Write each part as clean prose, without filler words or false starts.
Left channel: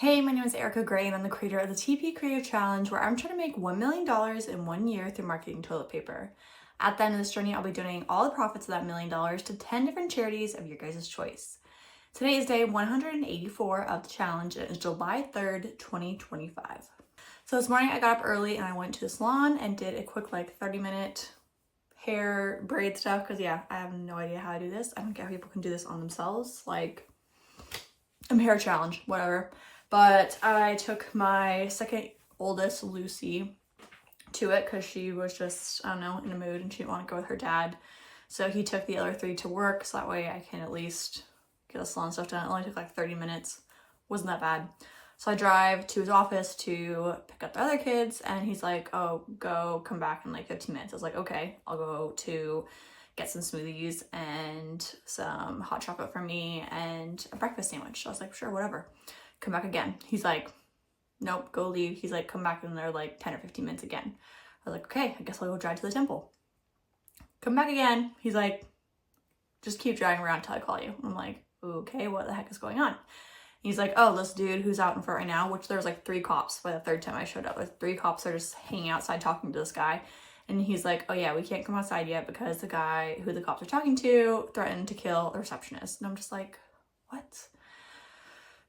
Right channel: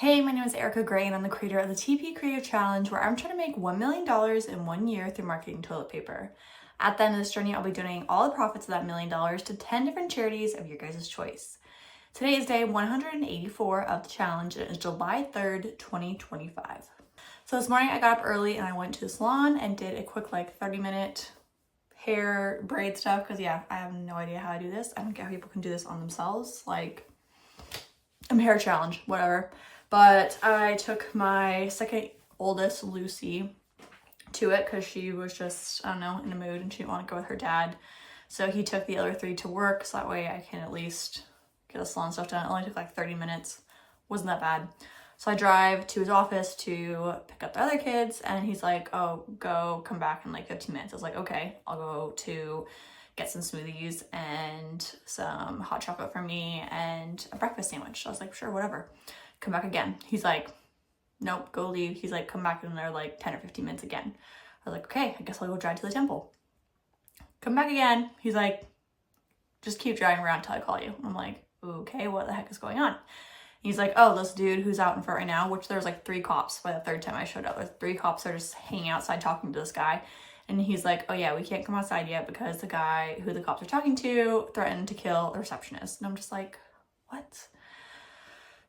Hey, my name is Erica Gray and I'm the creator of the TP Creative Challenge, where I'm trying to make $1 million in 1 year through marketing toilet paper. At the end of this journey, I'll be donating all the profits of that $1 million to 10 different charities of your guys' choice. Today is day 184 of the challenge and it's July 3rd, 2025. So this morning I got up early and I went to the salon and did a quick 30-minute hair braid stuff because I have no idea how to do this. I don't get how people can do this on themselves. I'm hair challenge, whatever. But I took my second oldest, Lucy, to it because she was just, I don't know, in a mood and she didn't want to go with her dad. So he took the other three to work so that way I can at least get the salon stuff done. It only took 30 minutes. Wasn't that bad. So I drive to his office to pick up the other kids and he's like, oh, come back in 15 minutes. I was like, okay, I'll go to get some smoothies and some hot chocolate for me and a breakfast sandwich. So I was like, sure, whatever. Come back again. He's like, nope, go leave. He's like, come back in there 10 or 15 minutes again. I was like, okay, I guess I'll go drive to the temple. Come back again. He's like, just keep driving around until I call you. I'm like, okay, what the heck is going on? He's like, oh, this dude who's out in front right now, which there's 3 cops by the third time I showed up. There's 3 cops that are just hanging outside talking to this guy. And he's like, oh yeah, we can't come outside yet because the guy who the cops are talking to threatened to kill the receptionist. And I'm just like, what?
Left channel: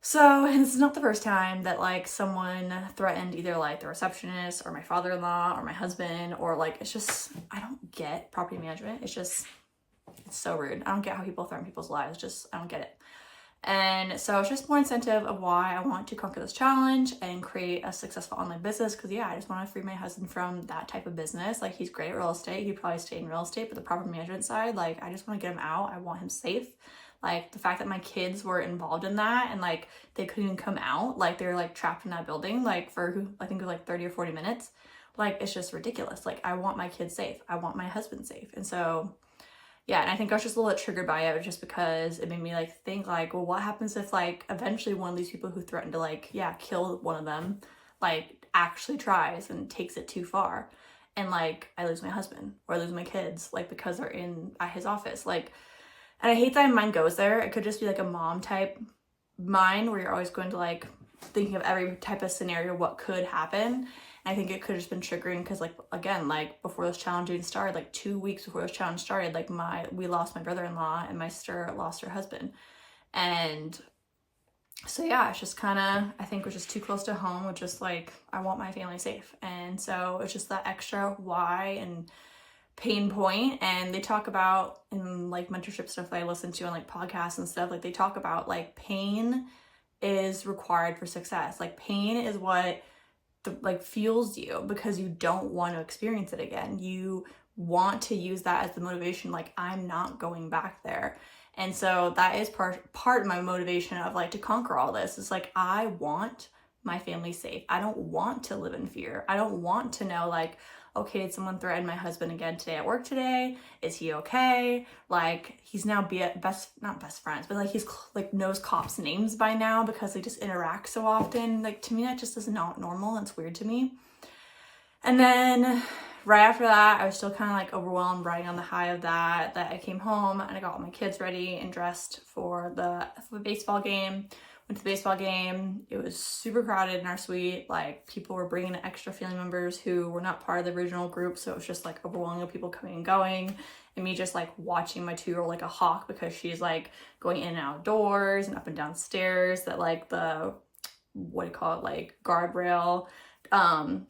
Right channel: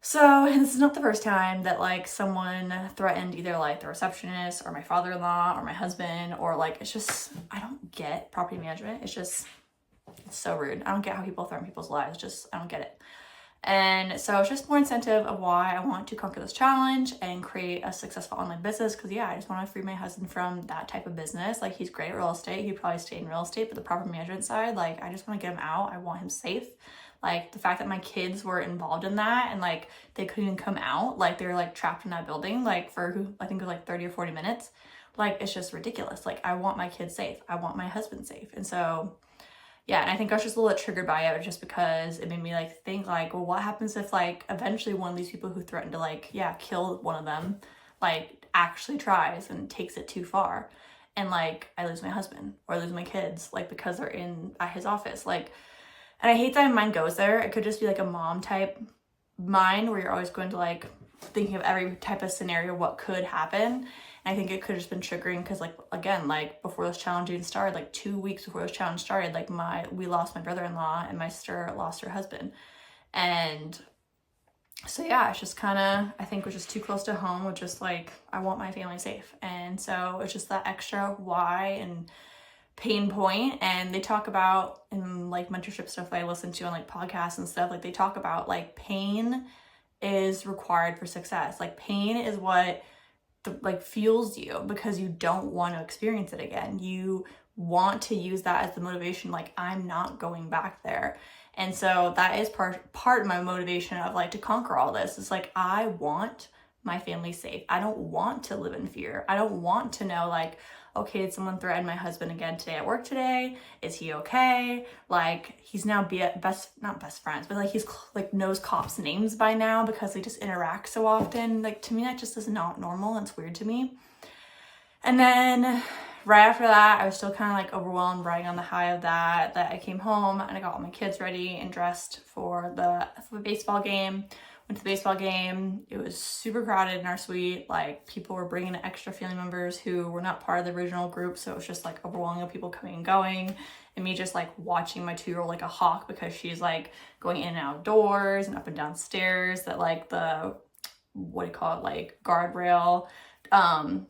So this is not the first time that someone threatened either the receptionist or my father-in-law or my husband or it's just, I don't get property management. It's so rude. I don't get how people threaten people's lives. I don't get it. And so it's just more incentive of why I want to conquer this challenge and create a successful online business. Because I just want to free my husband from that type of business. He's great at real estate. He'd probably stay in real estate, but the property management side, I just want to get him out. I want him safe. The fact that my kids were involved in that and they couldn't even come out, they were trapped in that building for I think it was 30 or 40 minutes. It's just ridiculous. I want my kids safe. I want my husband safe. And so yeah, and I think I was just a little bit triggered by it just because it made me think well, what happens if eventually one of these people who threatened to kill one of them actually tries and takes it too far and I lose my husband or I lose my kids because they're at his office. And I hate that my mind goes there. It could just be a mom type mind where you're always going to thinking of every type of scenario, what could happen. And I think it could have just been triggering because again, before this challenge even started, 2 weeks before this challenge started, we lost my brother-in-law and my sister lost her husband. And so yeah, it's just I think we're just too close to home with just I want my family safe. And so it's just that extra why and pain point. And they talk about in mentorship stuff that I listen to on podcasts and stuff, they talk about pain is required for success. Pain is what fuels you because you don't want to experience it again. You want to use that as the motivation, I'm not going back there. And so that is part of my motivation of to conquer all this. It's I want my family safe. I don't want to live in fear. I don't want to know okay, did someone threaten my husband again today at work today? Is he okay? He's now not best friends, but he's knows cops' names by now because they just interact so often. To me, that just is not normal. It's weird to me. And then right after that, I was still kind of overwhelmed, riding on the high of that I came home and I got all my kids ready and dressed for the baseball game. Went to the baseball game. It was super crowded in our suite. People were bringing in extra family members who were not part of the original group. So it was just overwhelming of people coming and going. And me just watching my 2-year-old like a hawk because she's going in and outdoors and up and down stairs that the, what do you call it, guardrail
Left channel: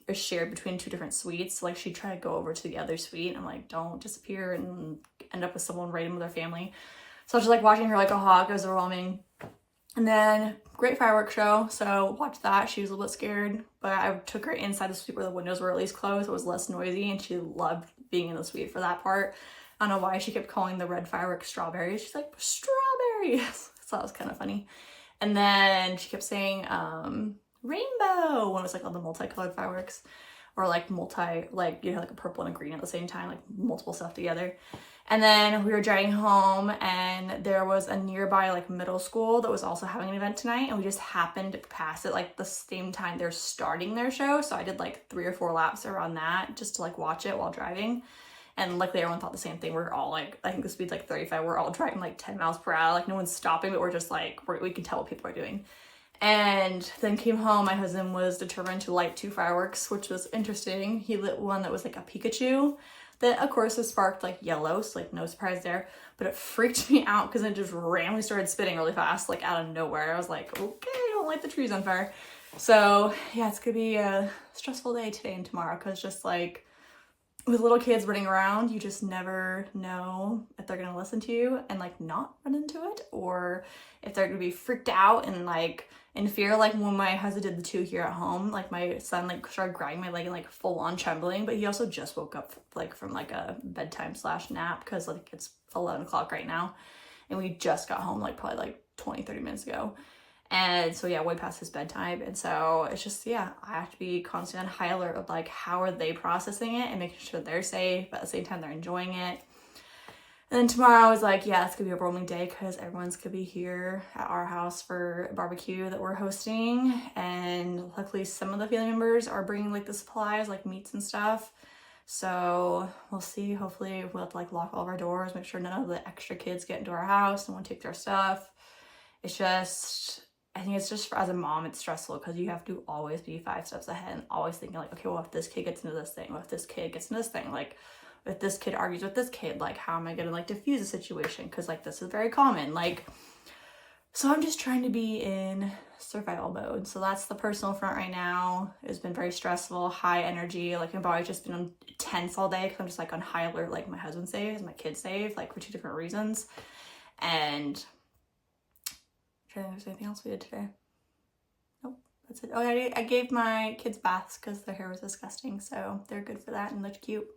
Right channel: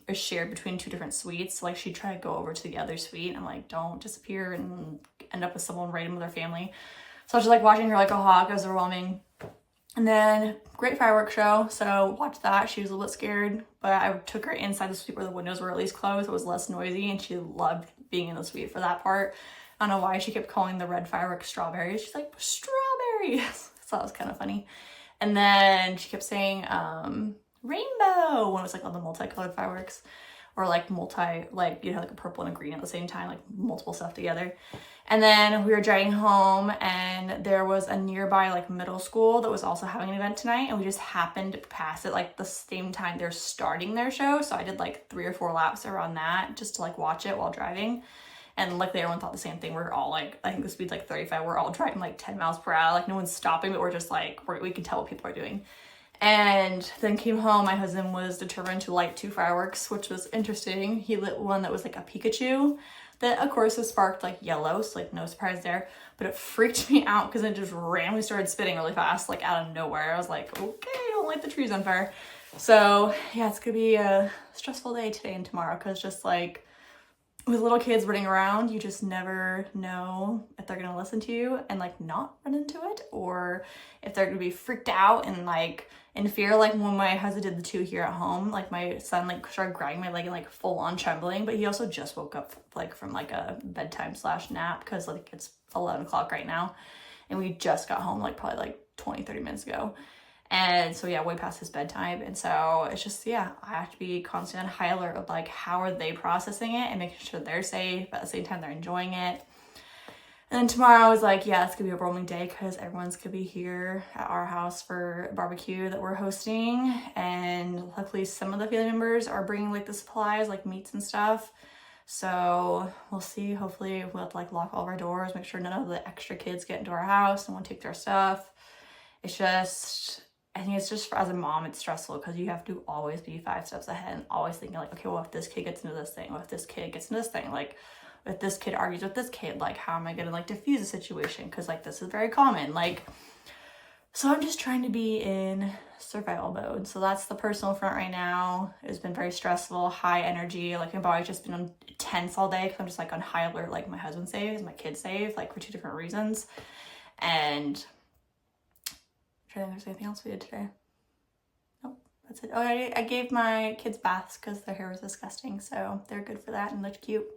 is shared between 2 different suites. So she'd try to go over to the other suite and I'm don't disappear and end up with someone right in with their family. So I was just watching her like a hawk. It was overwhelming. And then great fireworks show, so watched that. She was a little bit scared, but I took her inside the suite where the windows were at least closed. It was less noisy, and she loved being in the suite for that part. I don't know why she kept calling the red fireworks strawberries. She's like, strawberries! So that was kind of funny. And then she kept saying rainbow when it was all the multicolored fireworks. Or multi, a purple and a green at the same time, multiple stuff together. And then we were driving home and there was a nearby middle school that was also having an event tonight. And we just happened to pass it the same time they're starting their show. So I did 3 or 4 laps around that just to watch it while driving. And luckily everyone thought the same thing. We're all I think the speed's 35. We're all driving 10 miles per hour. No one's stopping, but we're just we can tell what people are doing. And then came home. My husband was determined to light 2 fireworks, which was interesting. He lit one that was like a Pikachu that of course was sparked like yellow, so like no surprise there, but it freaked me out because it just randomly started spinning really fast, like out of nowhere. I was like, okay, don't light the trees on fire. So yeah, it's gonna be a stressful day today and tomorrow, because just like with little kids running around, you just never know if they're gonna listen to you and like not run into it, or if they're gonna be freaked out and like in fear. Like when my husband did the 2 here at home, like my son like started grabbing my leg and like full on trembling, but he also just woke up like from like a bedtime / nap, because like it's 11 o'clock right now and we just got home like probably like 20-30 minutes ago. And so yeah, way past his bedtime. And so it's just, yeah, I have to be constantly on high alert of like how are they processing it and making sure they're safe, but at the same time they're enjoying it. And then tomorrow I was like, yeah, it's gonna be a rolling day because everyone's gonna be here at our house for a barbecue that we're hosting. And luckily some of the family members are bringing like the supplies, like meats and stuff. So we'll see. Hopefully we'll have to like lock all of our doors, make sure none of the extra kids get into our house and won't take their stuff. It's just, I think it's just, as a mom, it's stressful because you have to always be 5 steps ahead and always thinking like, okay, well, if this kid gets into this thing, well, if this kid gets into this thing, like if this kid argues with this kid, like how am I gonna like diffuse a situation? Because like this is very common. Like, so I'm just trying to be in survival mode. So that's the personal front right now. It's been very stressful, high energy. Like my body's just been tense all day because I'm just like on high alert. Like my husband's safe, my kid's safe, like for 2 different reasons. And I'm trying to think if there's anything else we did today. Nope, that's it. Oh, I gave my kids baths because their hair was disgusting, so they're good for that and look cute.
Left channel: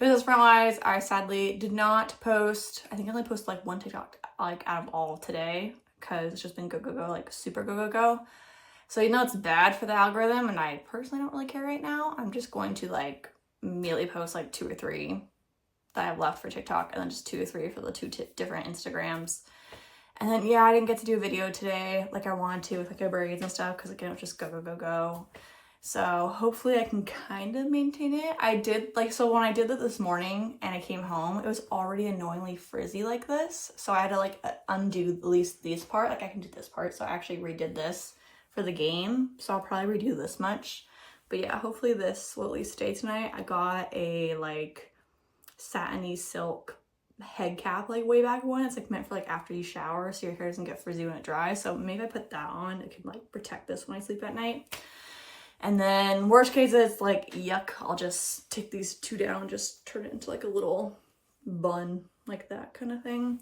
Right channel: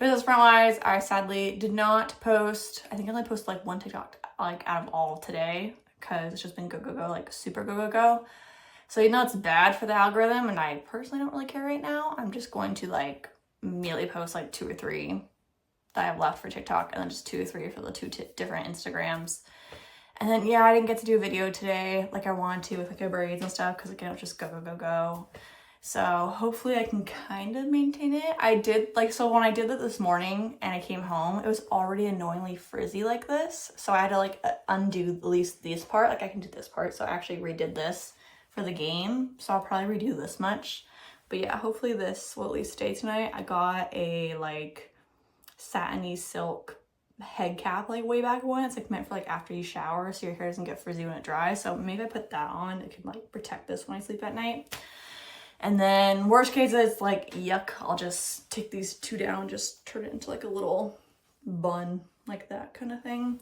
Business front wise, I sadly did not post. I think I only posted like 1 TikTok like out of all today because it's just been go, like super go. So you know it's bad for the algorithm, and I personally don't really care right now. I'm just going to like immediately post like 2 or 3 that I have left for TikTok, and then just 2 or 3 for the 2 different Instagrams. And then yeah, I didn't get to do a video today like I wanted to with like my braids and stuff because again it was just go. So hopefully I can kind of maintain it. I did like, so when I did it this morning and I came home, it was already annoyingly frizzy like this. So I had to like undo at least this part. Like I can do this part. So I actually redid this for the game. So I'll probably redo this much. But yeah, hopefully this will at least stay tonight. I got a like satiny silk head cap like way back when. It's like meant for like after you shower so your hair doesn't get frizzy when it dries. So maybe I put that on. It can like protect this when I sleep at night. And then worst case is like, yuck, I'll just take these 2 down, just turn it into like a little bun, like that kind of thing.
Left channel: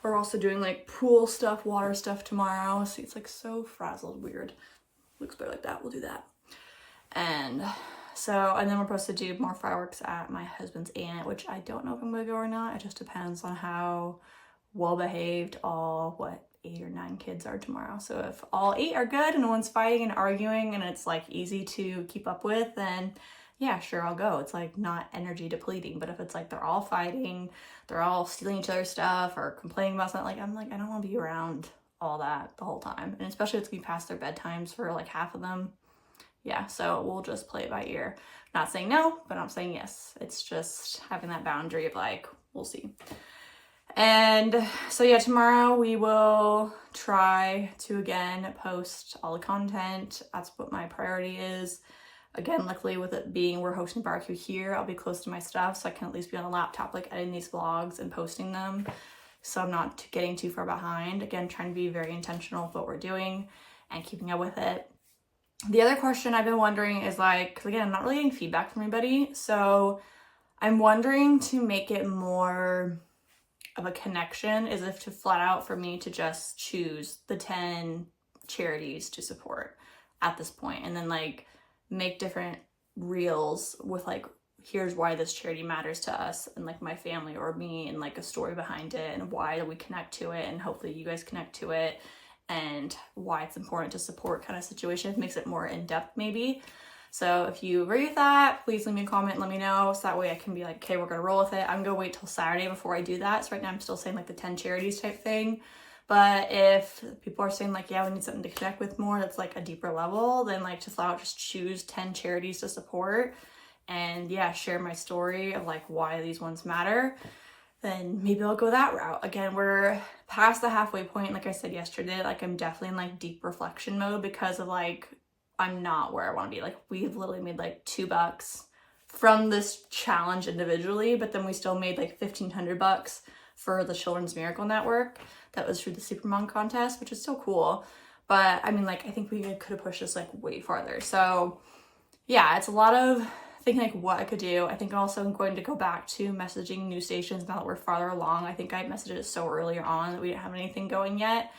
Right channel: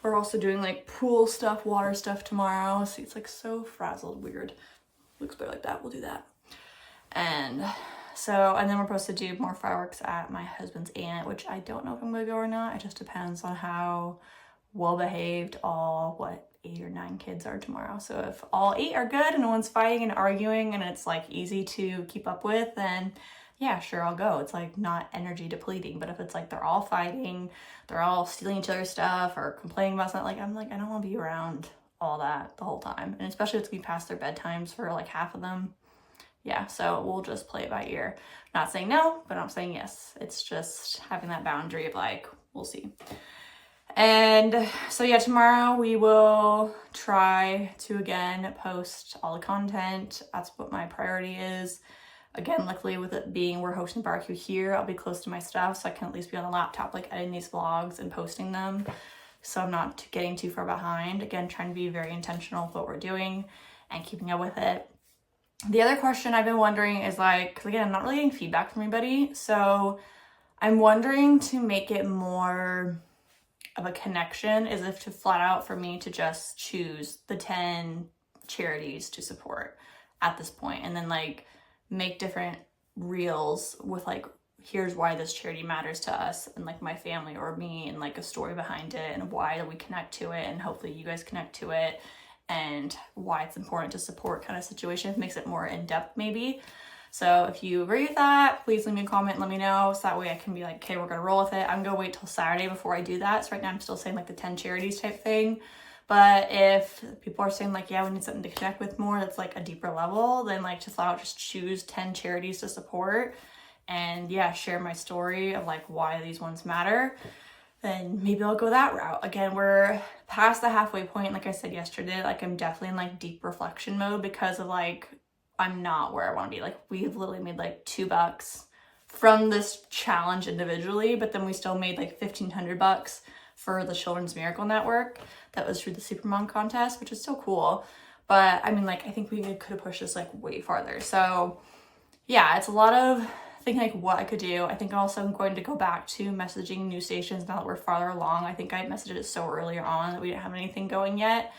We're also doing like pool stuff, water stuff tomorrow. See, it's like so frazzled, weird. Looks better like that, we'll do that. And so, and then we're supposed to do more fireworks at my husband's aunt, which I don't know if I'm gonna go or not. It just depends on how well behaved all, 8 or 9 kids are tomorrow. So if all 8 are good and no one's fighting and arguing and it's like easy to keep up with, then yeah, sure, I'll go. It's like not energy depleting. But if it's like they're all fighting, they're all stealing each other's stuff or complaining about something, like I'm like, I don't want to be around all that the whole time. And especially if it's gonna be past their bedtimes for like half of them. Yeah, so we'll just play it by ear. Not saying no, but I'm saying yes. It's just having that boundary of like, we'll see. And so yeah, tomorrow we will try to again post all the content. That's what my priority is. Again, luckily with it being we're hosting the barbecue here, I'll be close to my stuff so I can at least be on the laptop like editing these vlogs and posting them, so I'm not getting too far behind. Again, trying to be very intentional with what we're doing and keeping up with it. The other question I've been wondering is like, 'cause again, I'm not really getting feedback from anybody, so I'm wondering to make it more of a connection is if to flat out for me to just choose the 10 charities to support at this point, and then like make different reels with like, here's why this charity matters to us and like my family or me, and like a story behind it and why we connect to it, and hopefully you guys connect to it, and why it's important to support kind of situation. It makes it more in-depth maybe. So if you agree with that, please leave me a comment and let me know, so that way I can be like, okay, we're gonna roll with it. I'm gonna wait till Saturday before I do that. So right now I'm still saying like the 10 charities type thing. But if people are saying like, yeah, we need something to connect with more, that's like a deeper level, then like just choose 10 charities to support and yeah, share my story of like why these ones matter. then maybe I'll go that route. Again, we're past the halfway point. Like I said yesterday, like I'm definitely in like deep reflection mode because of like, I'm not where I want to be. Like we've literally made like $2 from this challenge individually, but then we still made like $1,500 for the Children's Miracle Network. That was through the Supermom contest, which is still cool. But I mean, like, I think we could have pushed this like way farther. So yeah, it's a lot of thinking like what I could do. I think also I'm going to go back to messaging new stations now that we're farther along. I think I messaged it so earlier on that we didn't have anything going yet.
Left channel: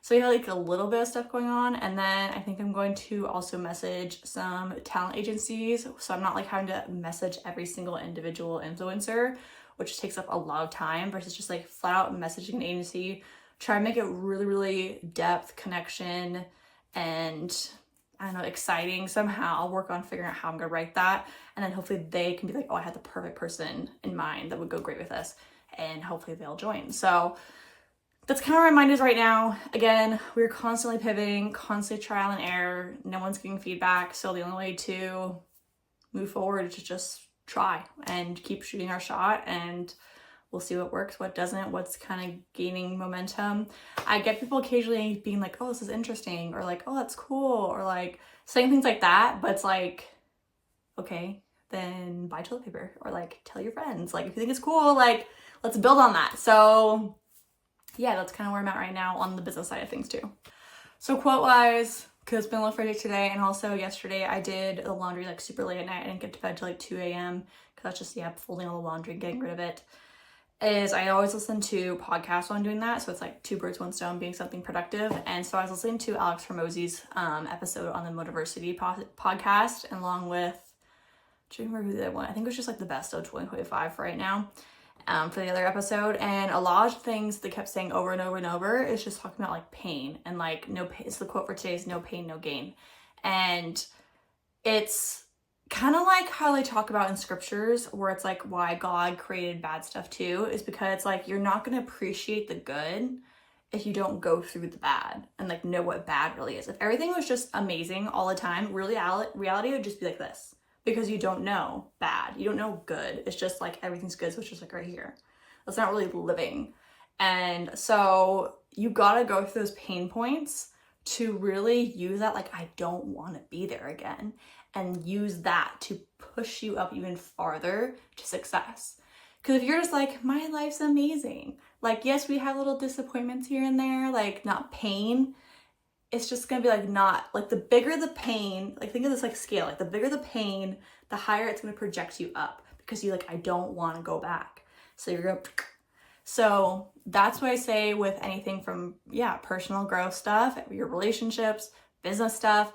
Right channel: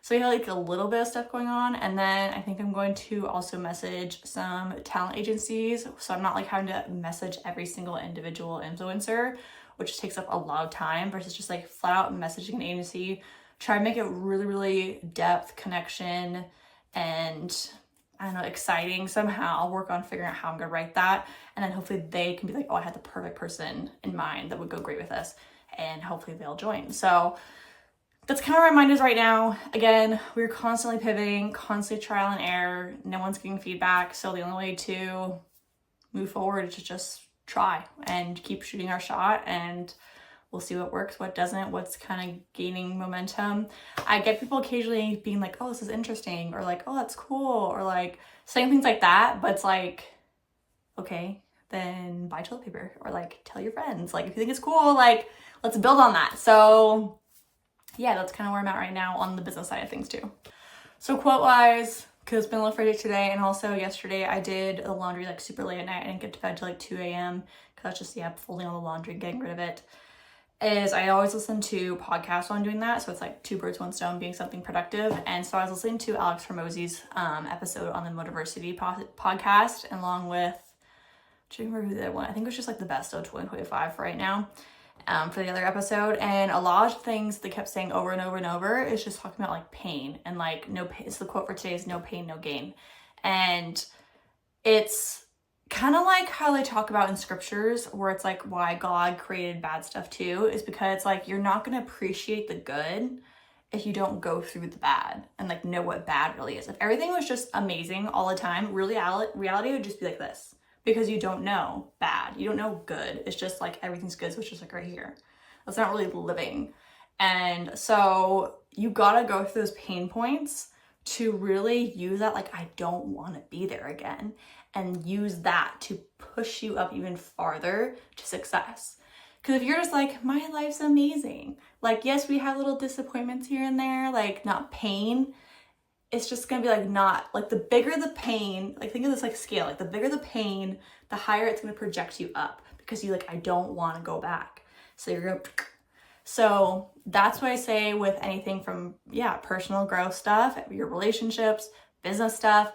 So we have like a little bit of stuff going on. And then I think I'm going to also message some talent agencies. So I'm not like having to message every single individual influencer, which takes up a lot of time versus just like flat out messaging an agency. Try to make it really, really depth connection and I don't know, exciting somehow. I'll work on figuring out how I'm gonna write that. And then hopefully they can be like, oh, I had the perfect person in mind that would go great with us. And hopefully they'll join. So that's kind of where my mind is right now. Again, we're constantly pivoting, constantly trial and error. No one's getting feedback. So the only way to move forward is to just try and keep shooting our shot, and we'll see what works, what doesn't, what's kind of gaining momentum. I get people occasionally being like, oh, this is interesting, or like, oh, that's cool, or like saying things like that, but it's like, okay, then buy toilet paper, or like tell your friends. Like if you think it's cool, like let's build on that. So yeah, that's kind of where I'm at right now on the business side of things too. So quote wise, because it's been a little Friday today, and also yesterday I did the laundry like super late at night. I didn't get to bed till like 2 a.m. because that's just, yeah, folding all the laundry, getting rid of it. Is I always listen to podcasts while I'm doing that. So it's like 2 birds, 1 stone, being something productive. And so I was listening to Alex Hormozi's episode on the Motiversity podcast, and along with, do you remember who the other one? I think it was just like the best of 2025 for right now. For the other episode, and a lot of things they kept saying over and over and over is just talking about like pain and like no pain. It's the quote for today is no pain, no gain. And it's kind of like how they talk about in scriptures where it's like why God created bad stuff too, is because like you're not going to appreciate the good if you don't go through the bad and like know what bad really is. If everything was just amazing all the time, reality would just be like this. Because you don't know bad, you don't know good. It's just like everything's good, so it's just like right here. That's not really living. And so you gotta go through those pain points to really use that, like, I don't wanna be there again. And use that to push you up even farther to success. Because if you're just like, my life's amazing. Like, yes, we have little disappointments here and there, like not pain. It's just gonna be like not, like the bigger the pain, like think of this like scale, like the bigger the pain, the higher it's gonna project you up because you like, I don't wanna go back. So you're gonna, so that's what I say with anything from, yeah, personal growth stuff, your relationships, business stuff,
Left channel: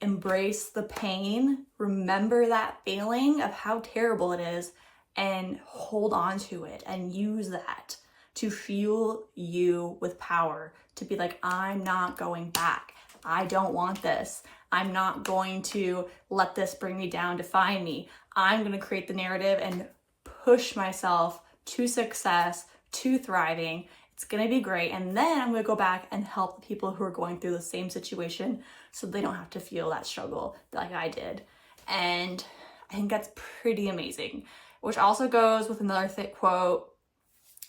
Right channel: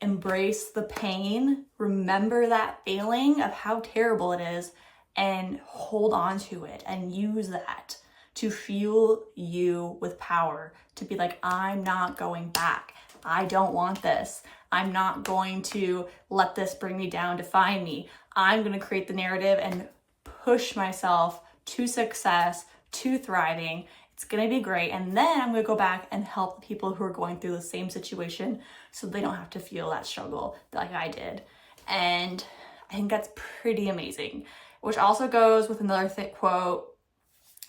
embrace the pain, remember that feeling of how terrible it is and hold on to it and use that to fuel you with power, to be like, I'm not going back. I don't want this. I'm not going to let this bring me down, define me. I'm going to create the narrative and push myself to success, to thriving. It's going to be great. And then I'm going to go back and help the people who are going through the same situation so they don't have to feel that struggle like I did. And I think that's pretty amazing, which also goes with another thick quote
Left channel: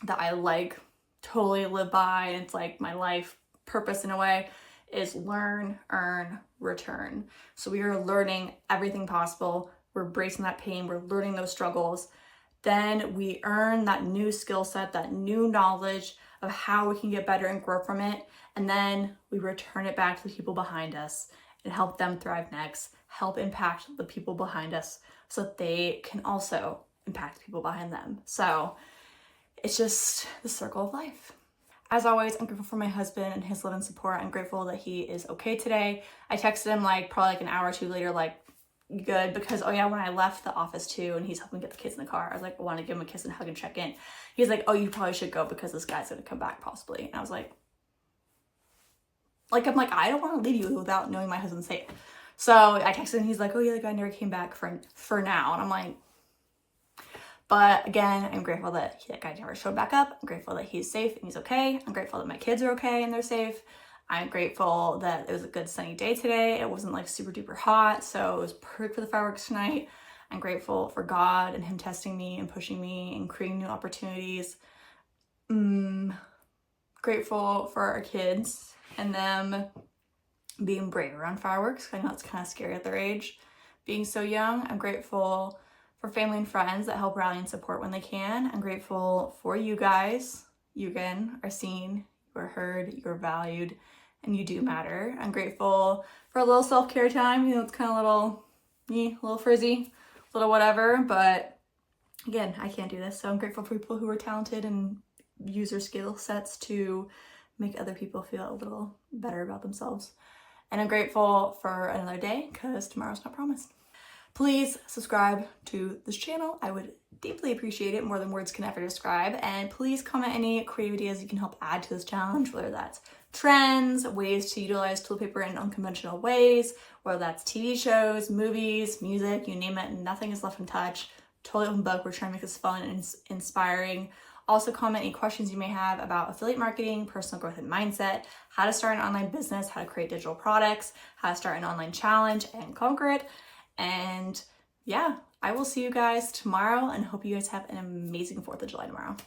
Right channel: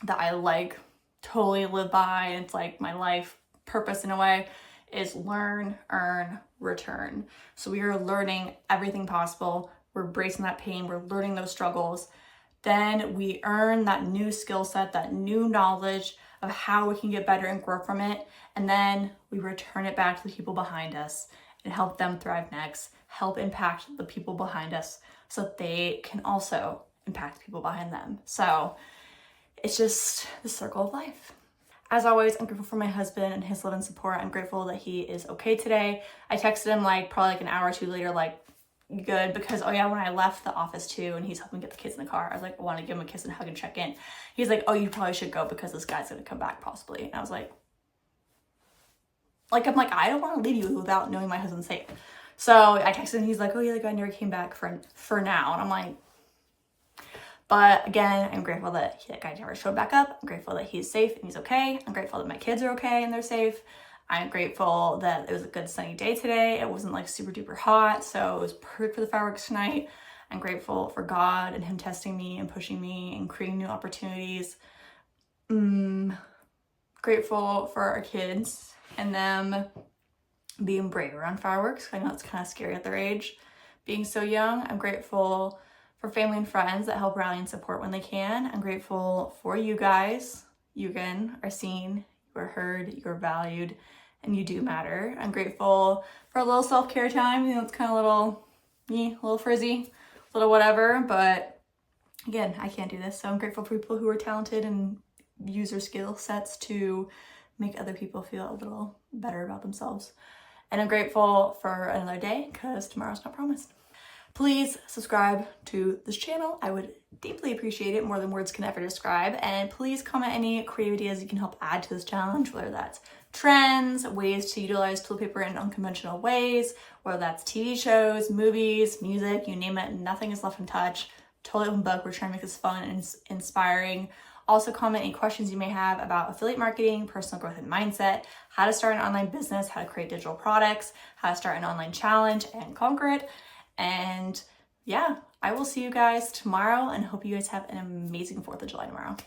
that I like totally live by, and it's like my life purpose in a way, is learn, earn, return. So we are learning everything possible. We're embracing that pain. We're learning those struggles. Then we earn that new skill set, that new knowledge of how we can get better and grow from it. And then we return it back to the people behind us and help them thrive next, help impact the people behind us so that they can also impact the people behind them. So it's just the circle of life. As always, I'm grateful for my husband and his love and support. I'm grateful that he is okay today. I texted him like probably like an hour or two later, like good, because oh yeah, when I left the office too and he's helping get the kids in the car, I was like, I want to give him a kiss and hug and check in. He's like, oh, you probably should go because this guy's gonna come back possibly. And I was like, I'm like, I don't want to leave you without knowing my husband's safe. So I texted him, he's like, oh yeah, the guy never came back for now. And I'm like, but again, I'm grateful that that guy never showed back up. I'm grateful that he's safe and he's okay. I'm grateful that my kids are okay and they're safe. I'm grateful that it was a good sunny day today. It wasn't like super duper hot, so it was perfect for the fireworks tonight. I'm grateful for God and him testing me and pushing me and creating new opportunities. Grateful for our kids and them being brave around fireworks. I know it's kind of scary at their age, being so young. I'm grateful for family and friends that help rally and support when they can. I'm grateful for you guys. You again are seen, you are heard, you are valued, and you do matter. I'm grateful for a little self-care time. You know, it's kind of a little frizzy, a little whatever, but again, I can't do this. So I'm grateful for people who are talented and use their skill sets to make other people feel a little better about themselves. And I'm grateful for another day because tomorrow's not promised. Please subscribe to this channel. I would deeply appreciate it, more than words can ever describe. And please comment any creative ideas you can help add to this challenge, whether that's trends, ways to utilize toilet paper in unconventional ways, whether that's TV shows, movies, music, you name it, nothing is left untouched. Totally open book. We're trying to make this fun and inspiring. Also comment any questions you may have about affiliate marketing, personal growth and mindset, how to start an online business, how to create digital products, how to start an online challenge and conquer it. And yeah, I will see you guys tomorrow and hope you guys have an amazing 4th of July tomorrow.